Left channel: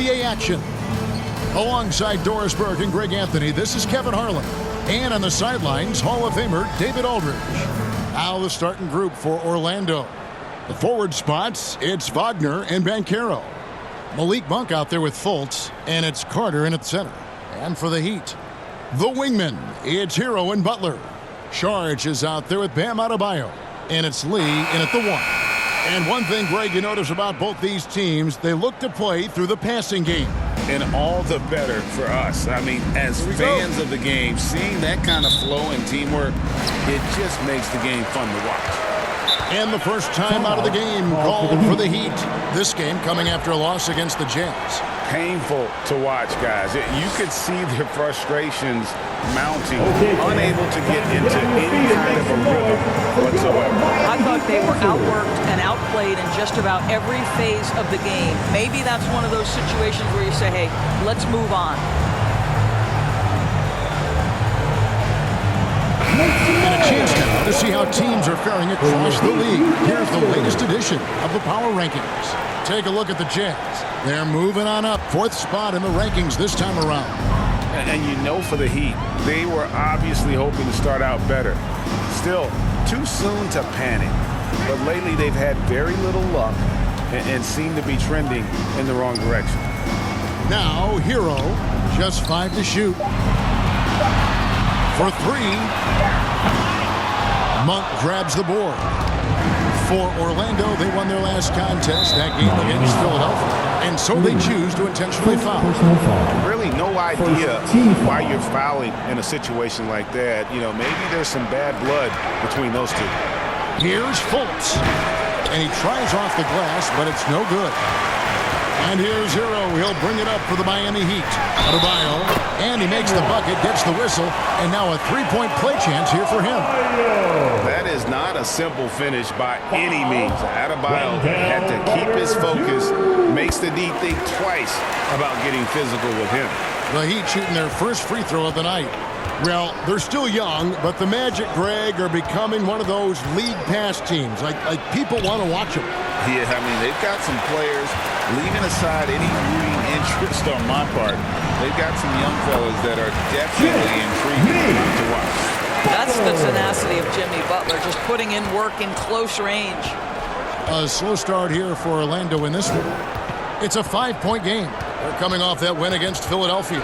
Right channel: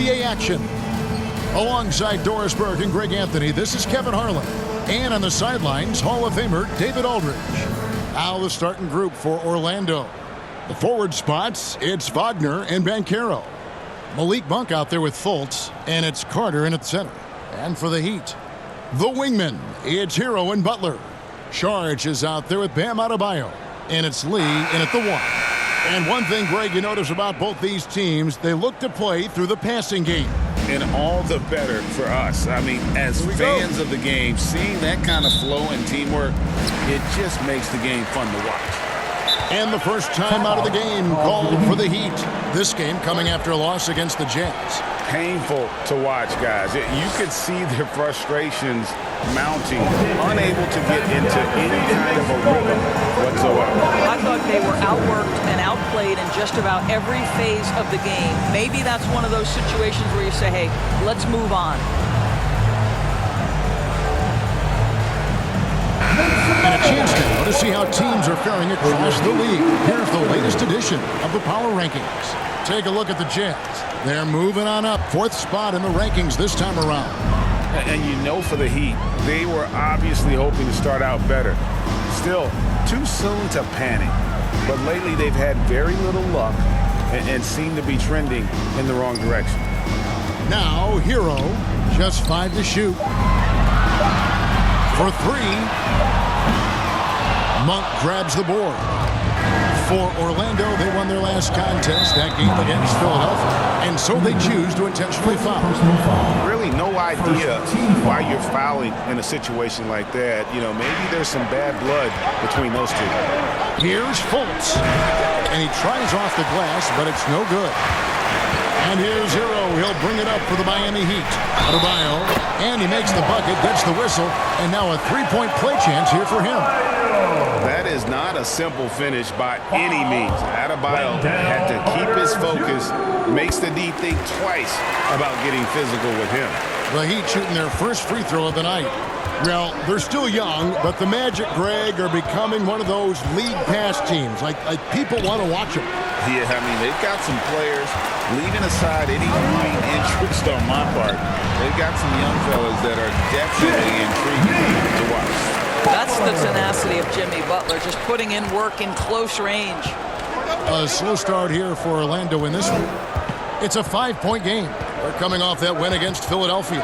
NBA action. Alongside Doris Burke and Greg Anthony, this is Kevin Harlan. And on the sidelines, Hall of Famer David Aldridge. Now the starting group for Orlando. The forward spots, it's Wagner and Banchero. Malik Monk out there with Fultz, and it's Carter in at center. And for the Heat, the wingmen, it's Hero and Butler. Saric is out there with Bam Adebayo, and it's Lee in at the 1. And one thing, Greg, you notice about both these teams, they look to play through the passing game. And all the better for us. I mean, as fans of the game, seeing that kind of flow and teamwork, it just makes the game fun to watch. And the first time out of the game called for the Heat. This game coming after a loss against the Jazz. Painful to watch, guys. You could see their frustrations mounting, unable to get into any kind of a rhythm whatsoever. I thought they were outworked and outplayed in just about every phase of the game. Maybe that's one of those situations where you say, hey, let's move on. And a chance now to see how teams are faring across the league. Here's the latest edition of the Power Rankings. Take a look at the Jazz. They're moving on up. 4th spot in the rankings this time around. And you know, for the Heat, they were obviously hoping to start out better. Still, too soon to panic. But lately they've had very little luck and seem to be trending in the wrong direction. Now, Hero, just 5 to shoot. For 3, Monk grabs the board. For Orlando, they won their last contest, that game against Philadelphia. And so they choose to intentionally foul. Really no idea why you're fouling in a situation like that. You know, maybe there's some bad blood between those two. Here's Fultz. And he tries off the glass, but it's no good. And here's Hero. He'll bring it up for the Miami Heat. Adebayo. And he makes the bucket, gets the whistle, and now a 3-point play chance here for him. That is not a simple finish by any means. Adebayo had to keep his focus, makes the D think twice about getting physical with him. The Heat shooting their first free throw of the night. Well, they're still young, but the Magic, Greg, are becoming one of those league pass teams. Like people want to watch them. Yeah, I mean, they've got some players, leaving aside any rooting interest on my part, they've got some young fellas that are definitely intriguing to watch. That's the tenacity of Jimmy Butler, just putting in work in close range. A slow start here for Orlando in this one. It's a 5-point game. They're coming off that win against Philadelphia.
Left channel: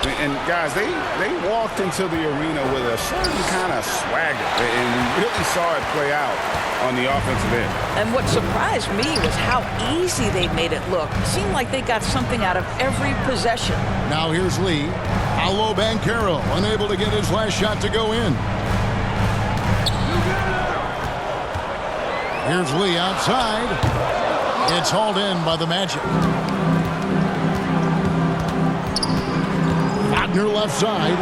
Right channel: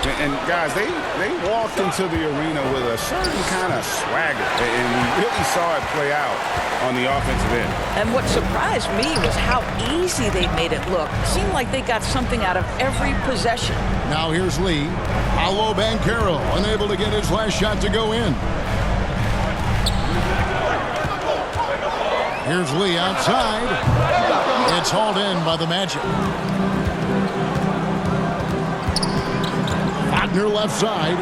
And guys, they walked into the arena with a certain kind of swagger, and we really saw it play out on the offensive end. And what surprised me was how easy they made it look. It seemed like they got something out of every possession. Now here's Lee. Paolo Banchero unable to get his last shot to go in. Here's Lee outside. It's hauled in by the Magic. Wagner left side.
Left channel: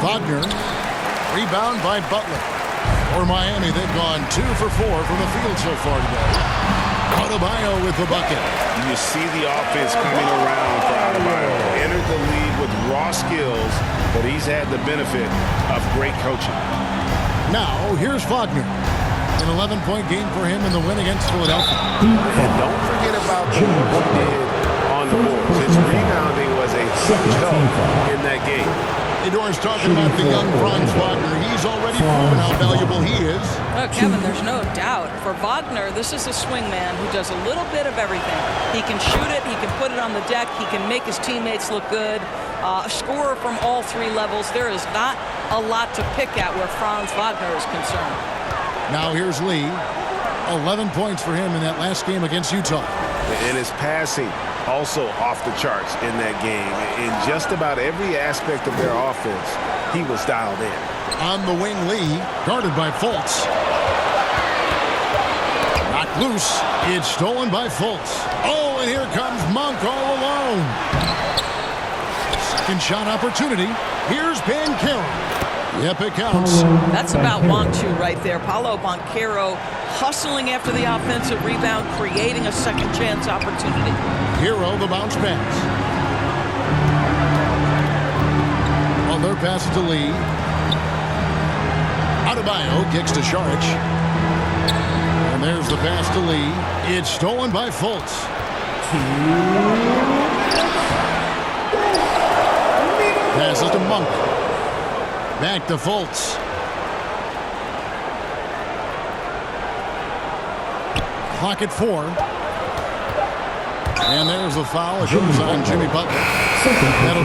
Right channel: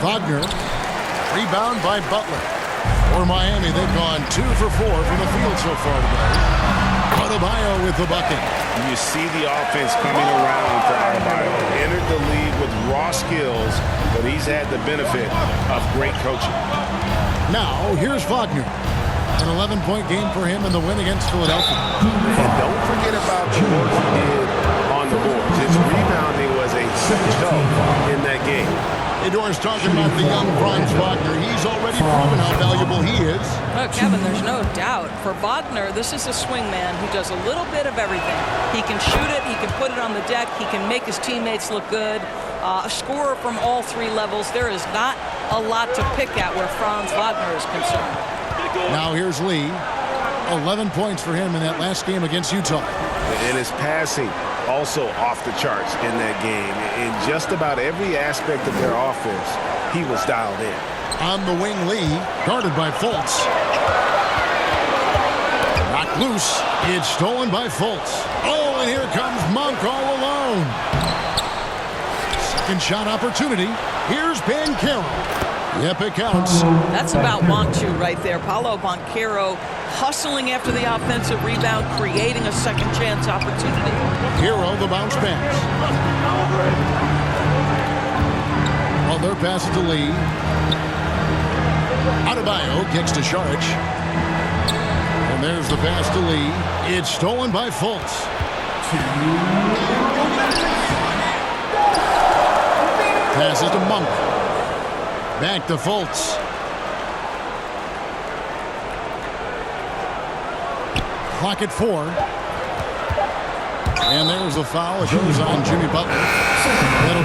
Wagner. Rebound by Butler. For Miami, they've gone 2 for 4 from the field so far today. Adebayo with the bucket. You see the offense coming around for Adebayo. Entered the league with raw skills, but he's had the benefit of great coaching. Now, here's Wagner. An 11-point game for him in the win against Philadelphia. And don't forget about the work he did on the boards. His rebounding was a huge help in that game. Hey, Doris, talking about the young Franz Wagner. He's already proven how valuable he is. Oh, Kevin, there's no doubt. For Wagner, this is a swingman who does a little bit of everything. He can shoot it, he can put it on the deck, he can make his teammates look good. A scorer from all 3 levels. There is not a lot to pick at where Franz Wagner is concerned. Now here's Lee. 11 points for him in that last game against Utah. And his passing also off the charts in that game. In just about every aspect of their offense, he was dialed in. On the wing, Lee, guarded by Fultz. Knocked loose. It's stolen by Fultz. Oh, and here comes Monk all alone. Second shot opportunity. Here's Banchero. Yep, it counts. That's about want-to right there. Paolo Banchero hustling after the offensive rebound, creating a second chance opportunity. Hero, the bounce pass. Butler passes to Lee. Adebayo kicks to Saric. And there's the pass to Lee. It's stolen by Fultz. Passes to Monk. Back to Fultz. Clock at 4. And there's the foul. It goes on Jimmy Butler. That'll...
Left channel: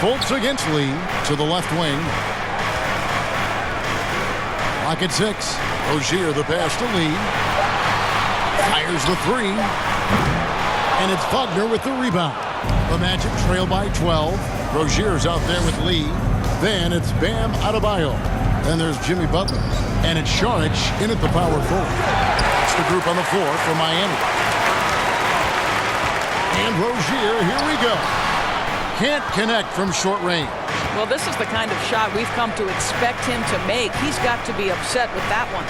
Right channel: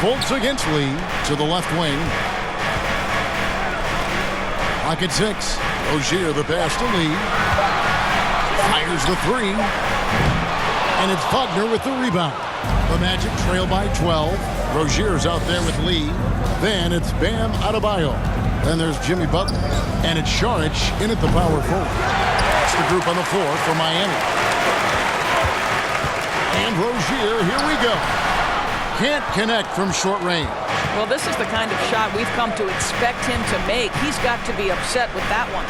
Fultz against Lee to the left wing. Clock at 6. Rozier the pass to Lee. Fires the 3. And it's Wagner with the rebound. The Magic trail by 12. Rozier's out there with Lee. Then it's Bam Adebayo. Then there's Jimmy Butler. And it's Saric in at the power forward. That's the group on the floor for Miami. And Rozier, here we go. Can't connect from short range. Well, this is the kind of shot we've come to expect him to make. He's got to be upset with that one.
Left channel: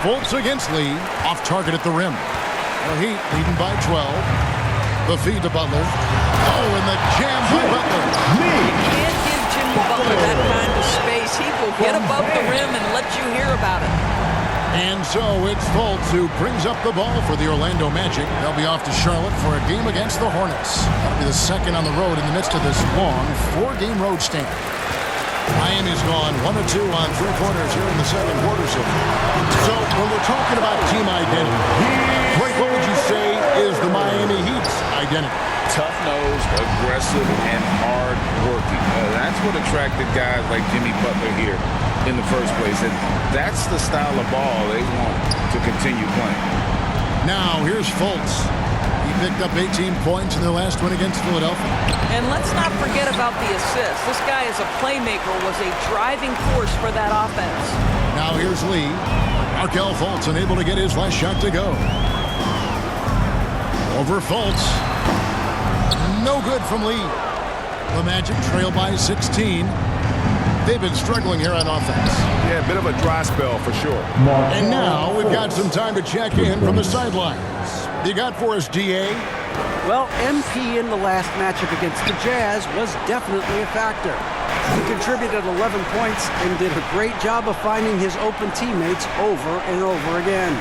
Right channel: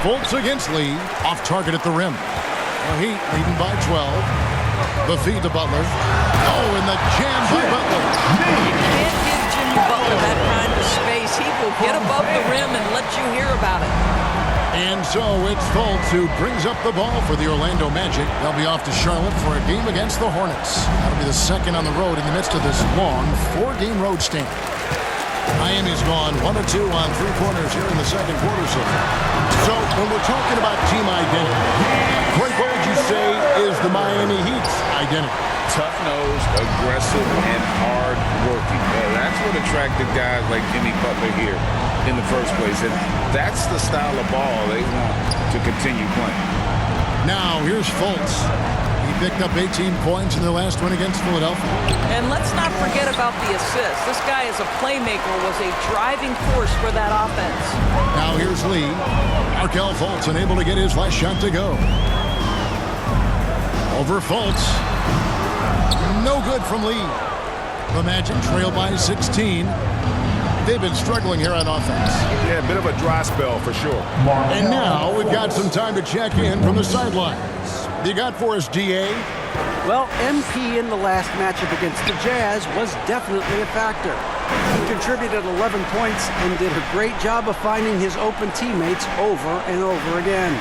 Fultz against Lee. Off target at the rim. The Heat leading by 12. The feed to Butler. Oh, and the jam by Butler. You can't give Jimmy Butler that kind of space. He will get above the rim and let you hear about it. And so it's Fultz who brings up the ball for the Orlando Magic. They'll be off to Charlotte for a game against the Hornets. That'll be the second on the road in the midst of this long 4-game road stand. Miami's gone 1 of 2 on 3-pointers here in the second quarter so far. So when we're talking about team identity, Greg, what would you say is the Miami Heat's identity? Tough-nosed, aggressive, and hard-working. That's what attracted guys like Jimmy Butler here in the first place. And that's the style of ball they want to continue playing. Now here's Fultz. He picked up 18 points in their last win against Philadelphia. And let's not forget about the assists. This guy is a playmaker, was a driving force for that offense. Now here's Lee. Markelle Fultz unable to get his last shot to go. Over Fultz. No good from Lee. The Magic trail by 16. They've been struggling here on offense. Yeah, a bit of a dry spell for sure. And now we've got some time to check in from the sidelines. You got for us, DA? Well, MP in the last matchup against the Jazz was definitely a factor. He contributed 11 points and did a great job of finding his open teammates over and over again.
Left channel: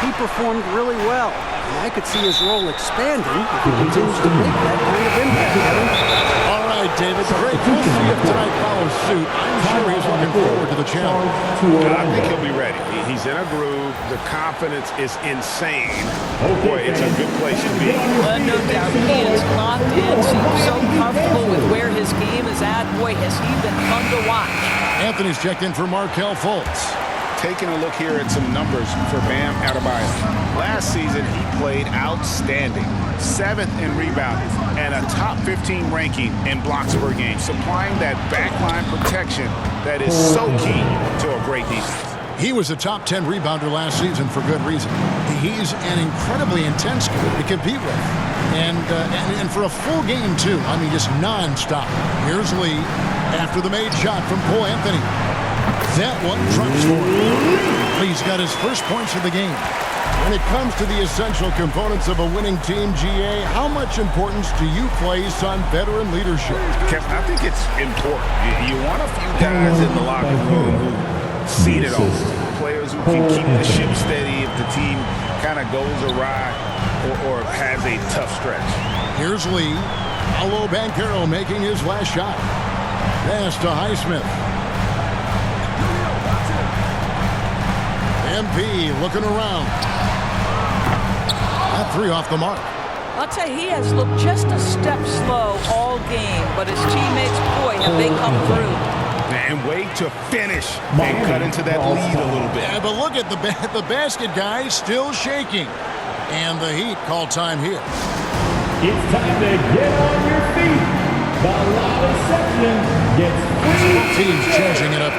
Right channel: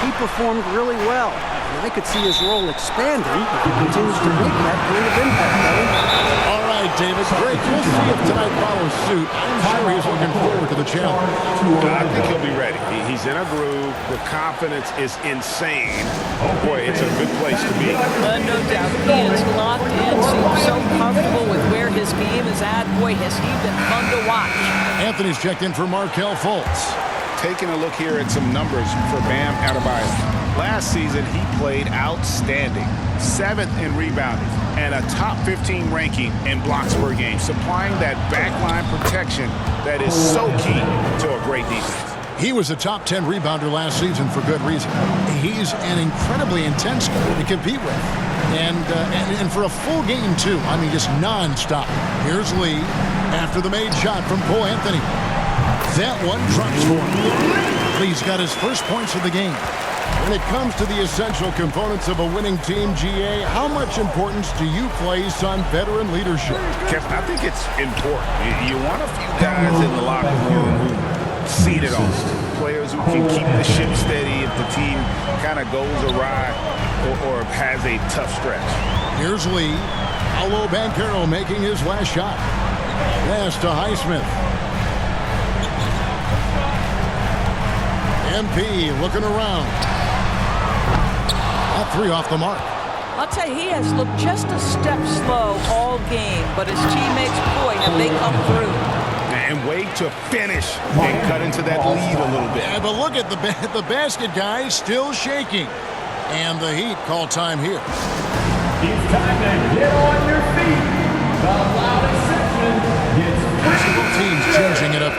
He performed really well, and I could see his role expanding if he continues to make that kind of impact, Kevin. All right, David. Great. We'll see if tonight follows suit. I'm sure he's looking forward to the challenge. I think he'll be ready. He's in a groove. The confidence is insane. Boy, it's a good place to be. No doubt. He is locked in, seems so comfortable with where his game is at. Boy, has he been fun to watch. Anthony's checked in for Markelle Fultz. Taking a look here at some numbers for Bam Adebayo. Last season, he played outstanding. 7th in rebounding and a top 15 ranking in blocks per game, supplying that backline protection that is so key to a great defense. He was a top 10 rebounder last season for good reason. He's an incredibly intense guy to compete with. And for a full game, too. I mean, just nonstop. Here's Lee after the made shot from Cole Anthony. That one drops for him. Lee's got his first points of the game. When it comes to the essential components of a winning team, GA, how much importance do you place on veteran leadership? Kevin, I think it's important. You want a few guys in the locker room who see it all. Players who can keep the ship steady if the team kind of goes awry or has a tough stretch. Here's Lee. Paolo Banchero making his last shot. Pass to Highsmith. MP looking around. That 3 off the mark. I'll tell you, he has looked just a step slow all game, but his teammates, boy, have they come through. And wait to finish and cut into that lead a little bit. Yeah, but look at the basket guy still shaking. And the Heat call time here. It's time to get on your feet. The loudest section gets free. Both teams changing it up.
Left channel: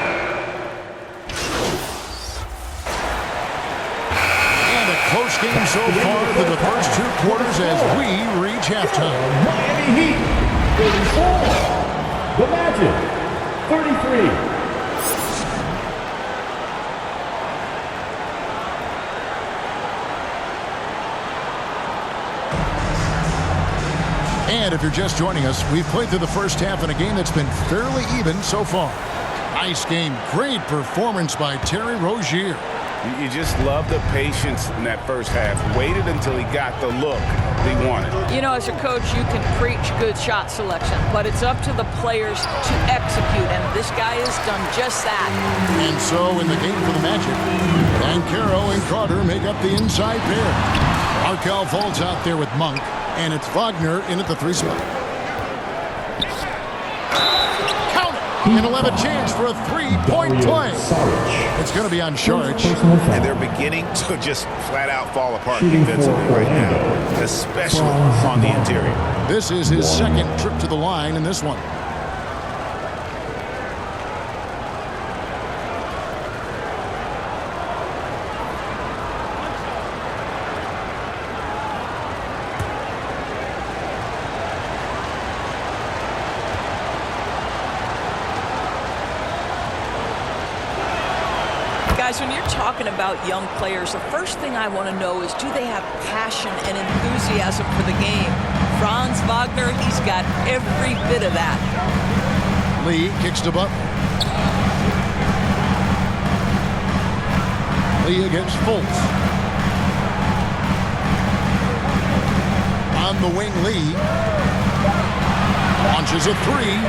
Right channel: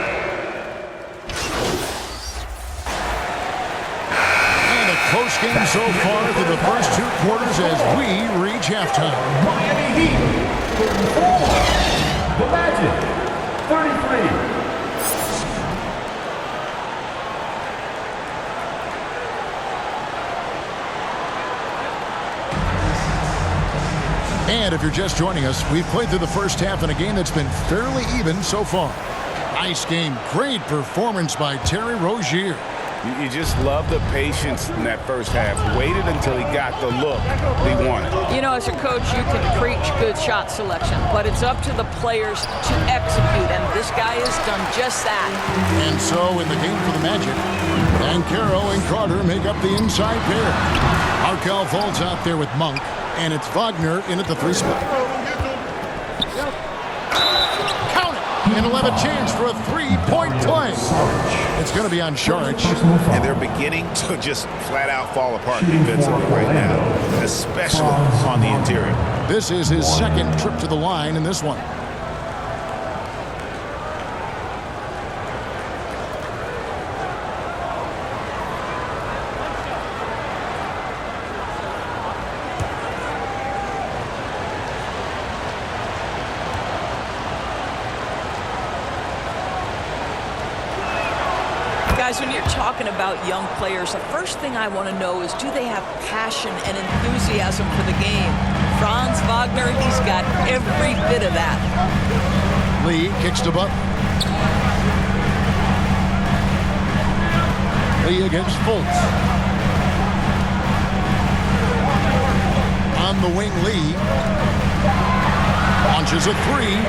And a close game so far through the first 2 quarters as we reach halftime. Miami Heat 34. The Magic 33. And if you're just joining us, we've played through the first half in a game that's been fairly even so far. Nice game. Great performance by Terry Rozier. You just love the patience in that first half. Waited until he got the look he wanted. You know, as a coach, you can preach good shot selection, but it's up to the players to execute, and this guy has done just that. And so in the game for the Magic, Banchero and Carter make up the inside pair. Markelle Fultz out there with Monk, and it's Wagner in at the 3 spot. Count it! And he'll have a chance for a 3-point play. It's going to be on Saric. And they're beginning to just flat out fall apart defensively right now, especially on the interior. This is his second trip to the line in this one. Guys, when you're talking about young players, the first thing I want to know is, do they have passion and enthusiasm for the game? Franz Wagner, he's got every bit of that. Lee kicks to Butler. Lee against Fultz. On the wing, Lee launches a 3.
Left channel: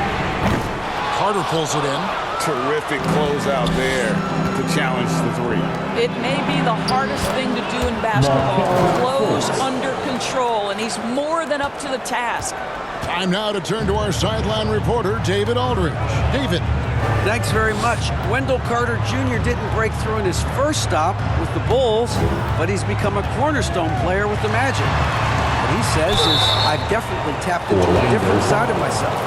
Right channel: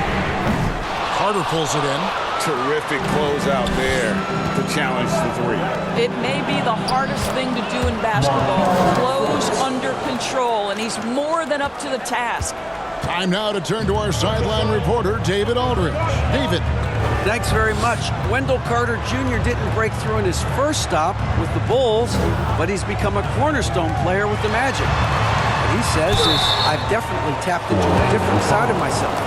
Carter pulls it in. Terrific closeout there to challenge the 3. It may be the hardest thing to do in basketball. Close under control, and he's more than up to the task. Time now to turn to our sideline reporter, David Aldridge. David. Thanks very much. Wendell Carter Jr. didn't break through in his first stop with the Bulls, but he's become a cornerstone player with the Magic. What he says is, I've definitely tapped into a different side of myself.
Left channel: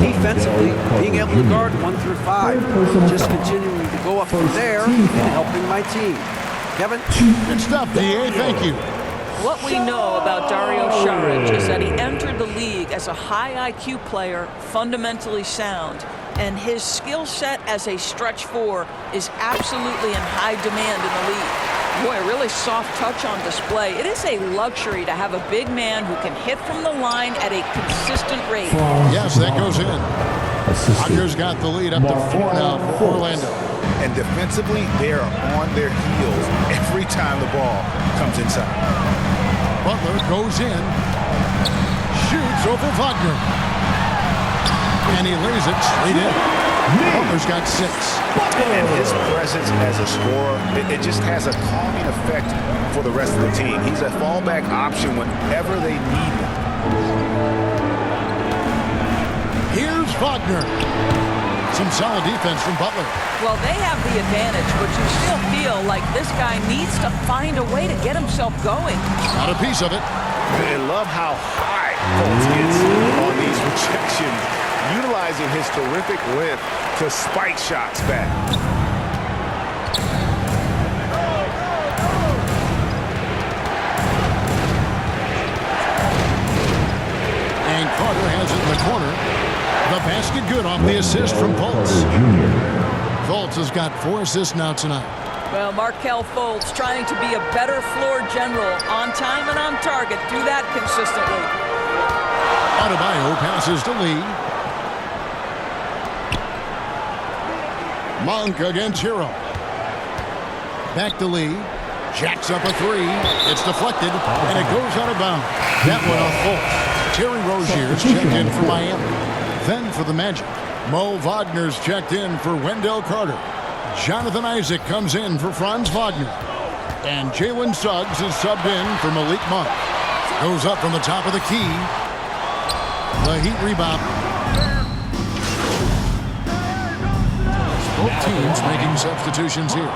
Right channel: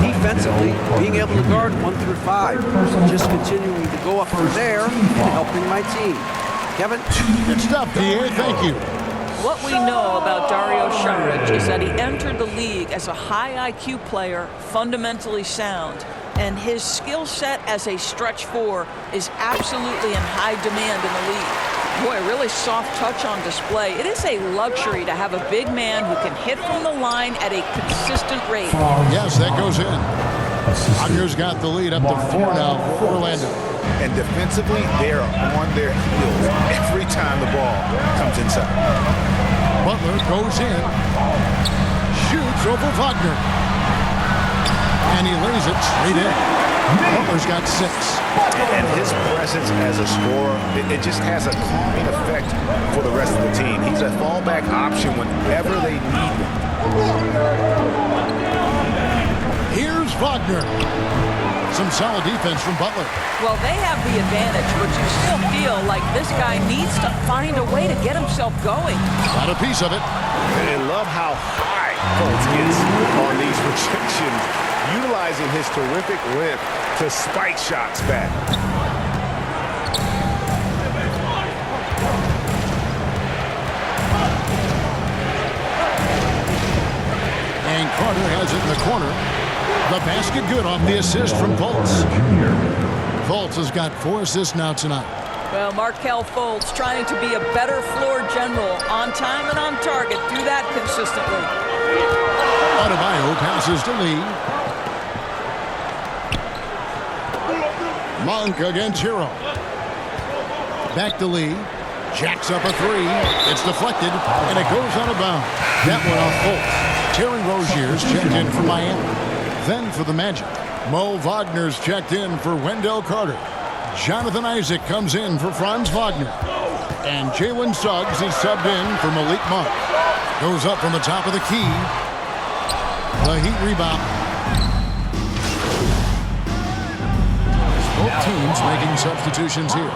Defensively, being able to guard 1 through 5. Just continuing to go up from there and helping my team. Kevin? Good stuff, D.A. Thank you. What we know about Dario Saric is that he entered the league as a high IQ player, fundamentally sound, and his skill set as a stretch 4 is absolutely in high demand in the league. Boy, really soft touch on display. It is a luxury to have a big man who can hit from the line at a consistent rate. Yes, that goes in. Wagner's got the lead up to 4 now for Orlando. And defensively, they are on their heels every time the ball comes inside. Butler goes in, shoots over Wagner, and he lays it straight in. Butler's got 6. And his presence as a scorer, it just has a calming effect for the rest of the team. He's a fallback option whenever they need one. Here's Wagner. Some solid defense from Butler. Well, they have the advantage, but you still feel like this guy needs to find a way to get himself going. Got a piece of it. I love how high Fultz gets on these rejections, utilizing his terrific length to spike shots back. And Carter has it in the corner. The basket good off the assist from Fultz. Fultz has got 4 assists now tonight. Well, Markelle Fultz trying to be a better floor general, on time and on target. Do that consistently. Adebayo passes to Lee. Monk against Hero. Back to Lee. Jacks up a 3. It's deflected, and it goes out of bounds. That one off Fultz. Terry Rozier's checked in for Miami. Then for the Magic, Mo Wagner's checked in for Wendell Carter. Jonathan Isaac comes in for Franz Wagner. And Jalen Suggs is subbed in for Malik Monk. Goes up from the top of the key. The Heat rebound. Both teams making substitutions here.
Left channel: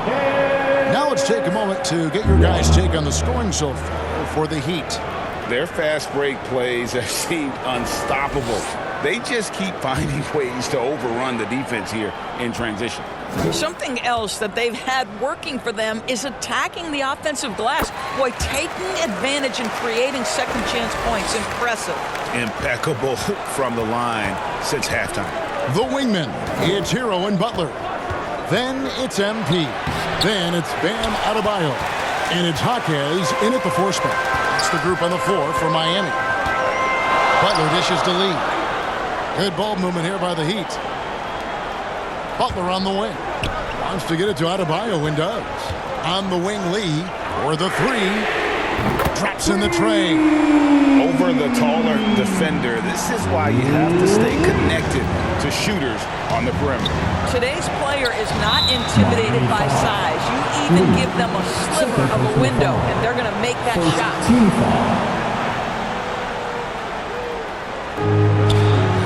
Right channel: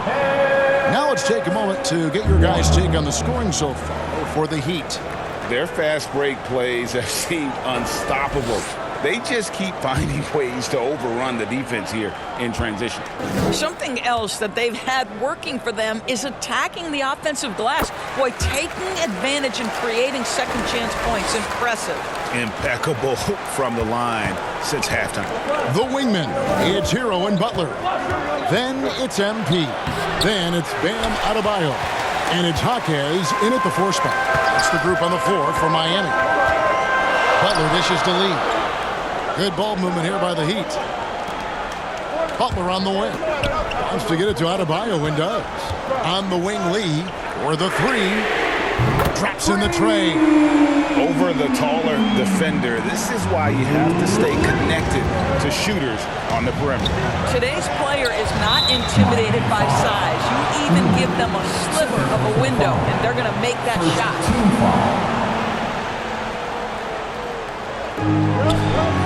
Now let's take a moment to get your guys' take on the scoring so far for the Heat. Their fast break plays have seemed unstoppable. They just keep finding ways to overrun the defense here in transition. Something else that they've had working for them is attacking the offensive glass. Boy, taking advantage and creating second chance points. Impressive. Impeccable from the line since halftime. The wingmen, it's Hero and Butler. Then it's MP. Then it's Bam Adebayo. And it's Jaquez in at the 4 spot. That's the group on the floor for Miami. Butler dishes to Lee. Good ball movement here by the Heat. Butler on the wing. Wants to get it to Adebayo and does. On the wing, Lee for the three. Drops in the tray. Over the taller defender. This is why you have to stay connected to shooters on the perimeter. Today's player is not intimidated by size. You even give them a sliver of a window, and they're going to make that shot. Team foul.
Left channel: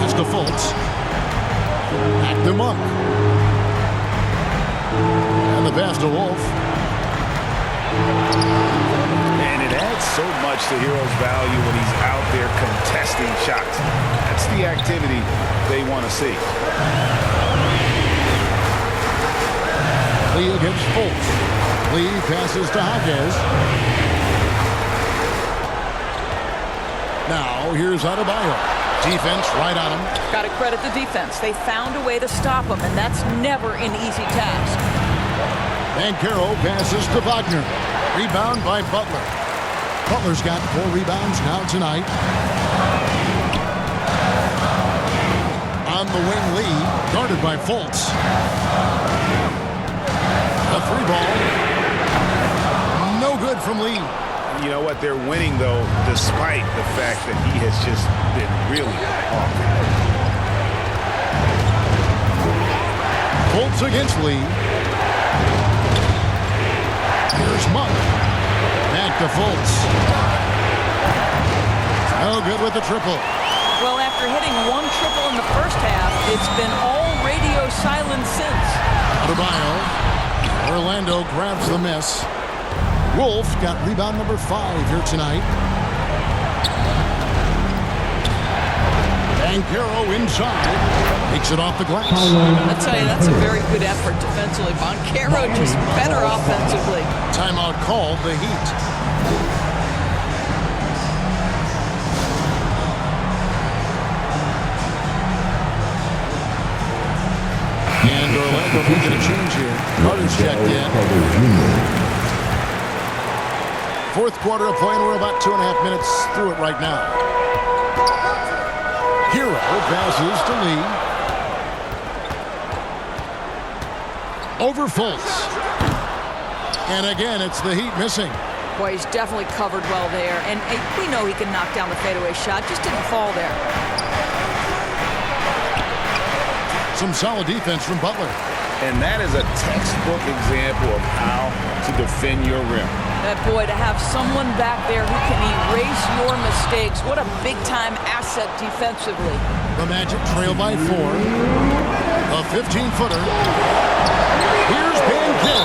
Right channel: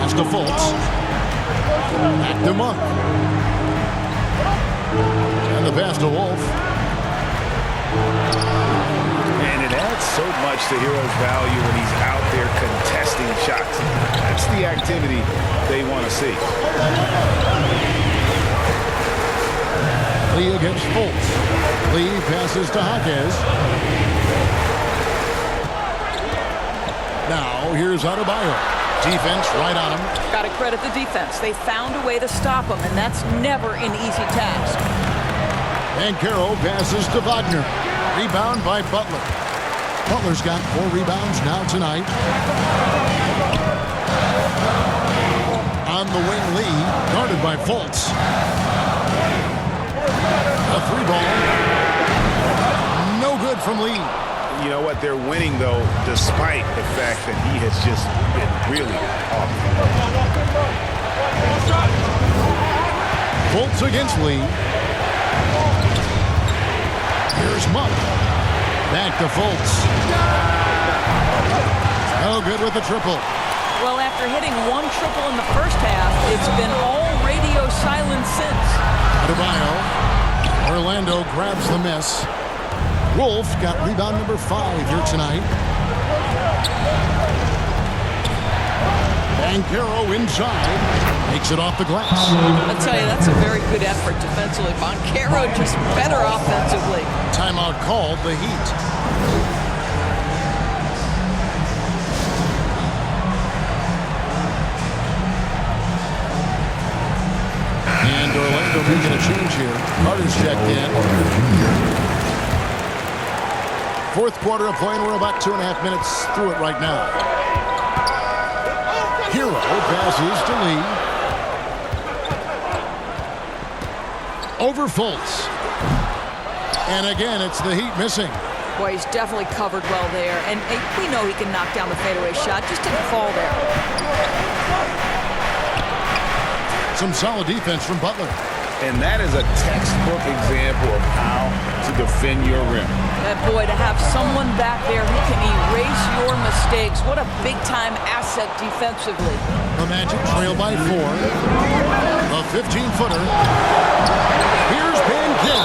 That's to Fultz. Back to Monk. And the pass to Wolf. And it adds so much to Hero's value when he's out there contesting shots. That's the activity they want to see. Lee against Fultz. Lee passes to Jaquez. Now here's Adebayo. Defense right on him. Got to credit the defense. They found a way to stop him, and that's never an easy task. Banchero passes to Wagner. Rebound by Butler. Butler's got 4 rebounds now tonight. On the wing, Lee, guarded by Fultz. A 3-ball. No good from Lee. You know what? They're winning, though, despite the fact that he has just been really off. Fultz against Lee. Here's Monk. Back to Fultz. No good with the triple. Well, after hitting 1 triple in the first half, it's been all radio silence since. Adebayo. Orlando grabs the miss. Wolf got rebound number 5 here tonight. Banchero inside. Makes it off the glass. I'll tell you, that's a very good effort defensively. Banchero just better offensively. Timeout called, the Heat. And Orlando making a change here. Carter's checked in. Fourth quarter of play, and we're about 2.5 minutes through it right now. Hero passes to Lee. Over Fultz. And again, it's the Heat missing. Boy, he's definitely covered well there. And we know he can knock down the fadeaway shot. Just didn't fall there. Some solid defense from Butler. And that is a textbook example of how to defend your rim. That boy, to have someone back there who can erase your mistakes. What a big-time asset defensively. The Magic trail by 4. The 15-footer. Here's Banchero.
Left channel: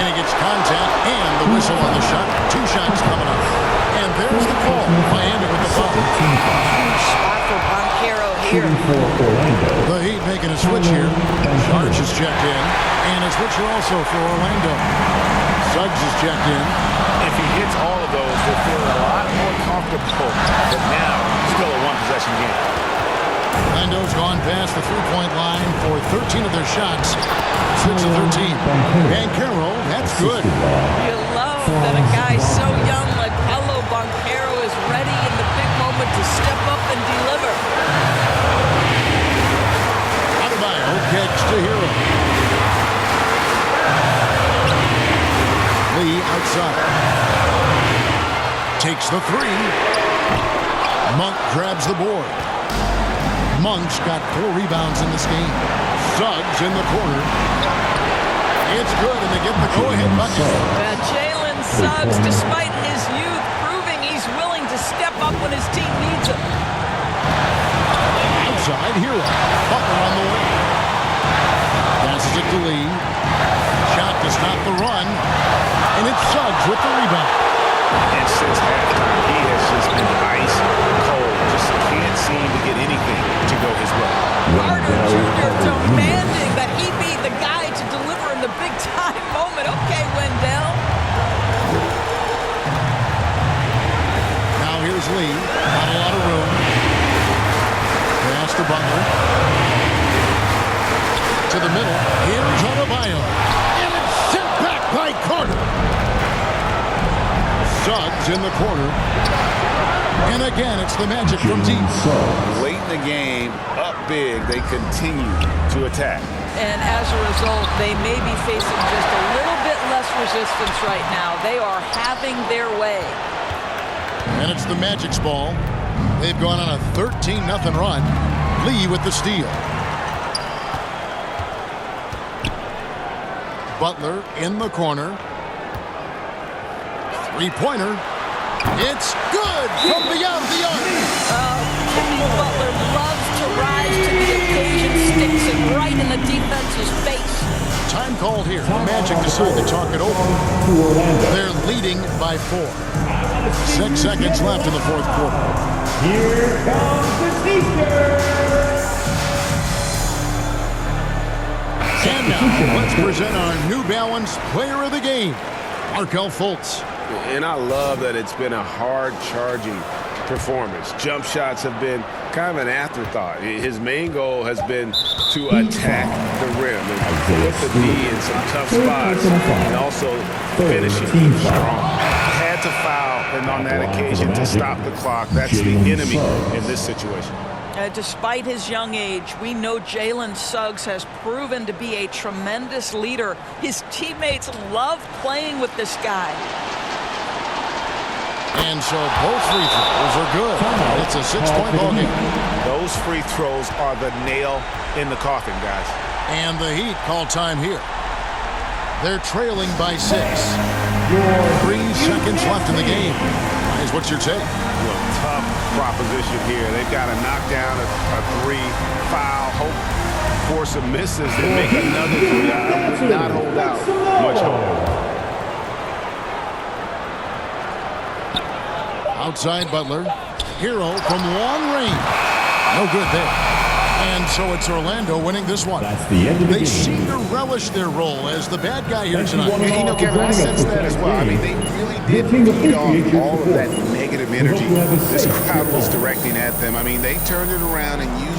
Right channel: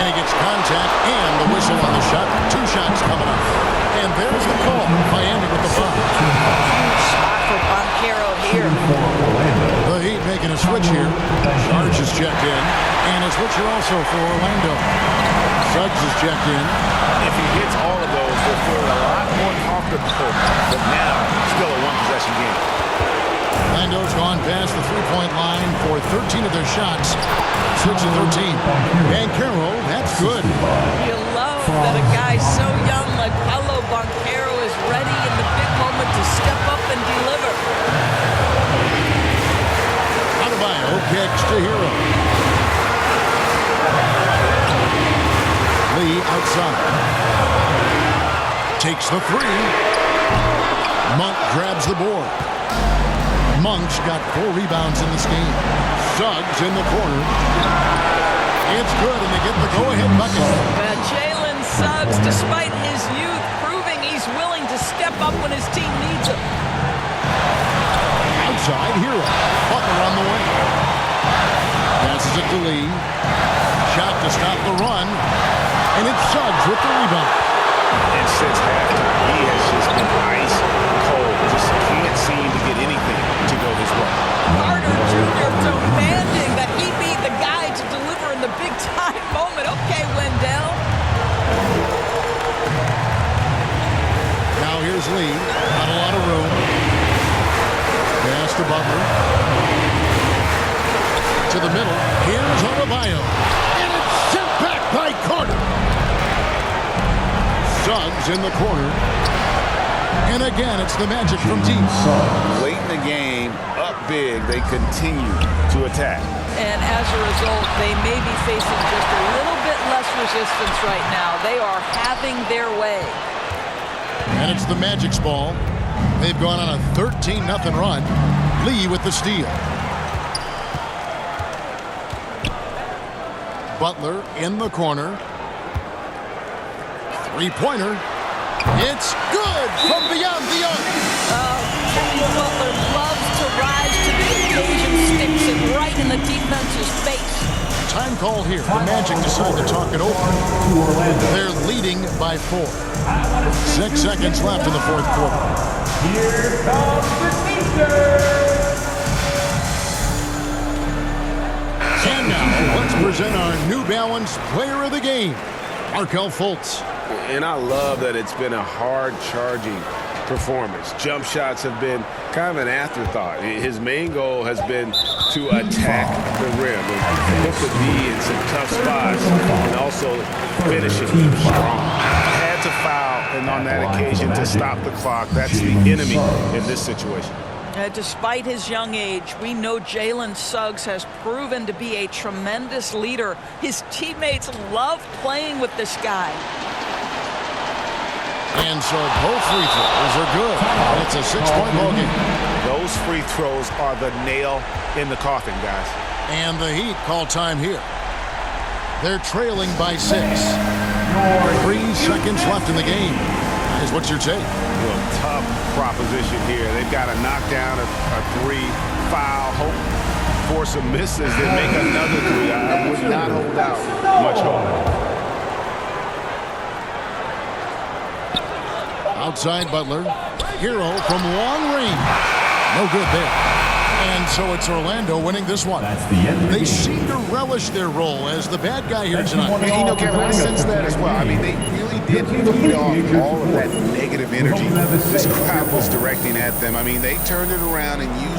And he gets contact and the whistle on the shot. 2 shots coming up. And there's the call. Miami with the foul. Huge spot for Banchero here. The Heat making a switch here. Sharge is checked in. And a switch here also for Orlando. Suggs is checked in. If he hits all of those, they're feeling a lot more comfortable. But now, still a 1-possession game. Orlando's gone past the 3-point line for 13 of their shots. 6 of 13. Banchero, that's good. You love that a guy so young like Paolo Banchero is ready in the big moment to step up and deliver. Adebayo kicks to Hero. Lee outside. Takes the 3. Monk grabs the board. Monk's got 4 rebounds in this game. Suggs in the corner. It's good, and they get the go-ahead bucket. Jalen Suggs, despite his youth, proving he's willing to step up when his team needs him. Outside, Hero. Butler on the wing. Passes it to Lee. Shot to stop the run. And it's Suggs with the rebound. And since halftime, he has just been ice cold. Just can't seem to get anything to go his way. Carter Jr. demanding that he be the guy to deliver in the big-time moment. Okay, Wendell. Now here's Lee. Not a lot of room. Pass to Butler. To the middle. Here's Adebayo. And it's sent back by Carter. Suggs in the corner. And again, it's the Magic from deep. Late in the game, up big, they continue to attack. And as a result, they may be facing just a little bit less resistance right now. They are having their way. And it's the Magic's ball. They've gone on a 13-0 run. Lee with the steal. Butler in the corner. Three-pointer. It's good from beyond the arc. Jimmy Butler loves to rise to the occasion, sticks it right in the defense's face. Time called here. The Magic decide to talk it over. To Orlando. They're leading by 4. 6 seconds left in the fourth quarter. Here comes the teacher. And now, let's present our New Balance Player of the Game, Markelle Fultz. And I love that it's been a hard-charging performance. Jump shots have been kind of an afterthought. His main goal has been to attack the rim and put the D in some tough spots and also finish it strong. Had to foul, and on that occasion to stop the clock. That's the enemy in this situation. Despite his young age, we know Jalen Suggs has proven to be a tremendous leader. His teammates love playing with this guy. And so both free throws are good. And it's a 6-point ball game. Those free throws are the nail in the coffin, guys. And the Heat call time here. They're trailing by 6. 3 seconds left in the game. Guys, what's your take? Well, tough proposition here. They've got to knock down a 3, foul, hope for some misses, then make another 3. I would not hold out much hope. Outside Butler. Hero from long range. No good there. And so it's Orlando winning this one. That's the end of the They game. seem to relish their role as the bad guy here tonight. You know, Kevin, I sense that as well. I mean, they really did feed off all of that negative energy this crowd was directing at them. I mean, they turned it around and used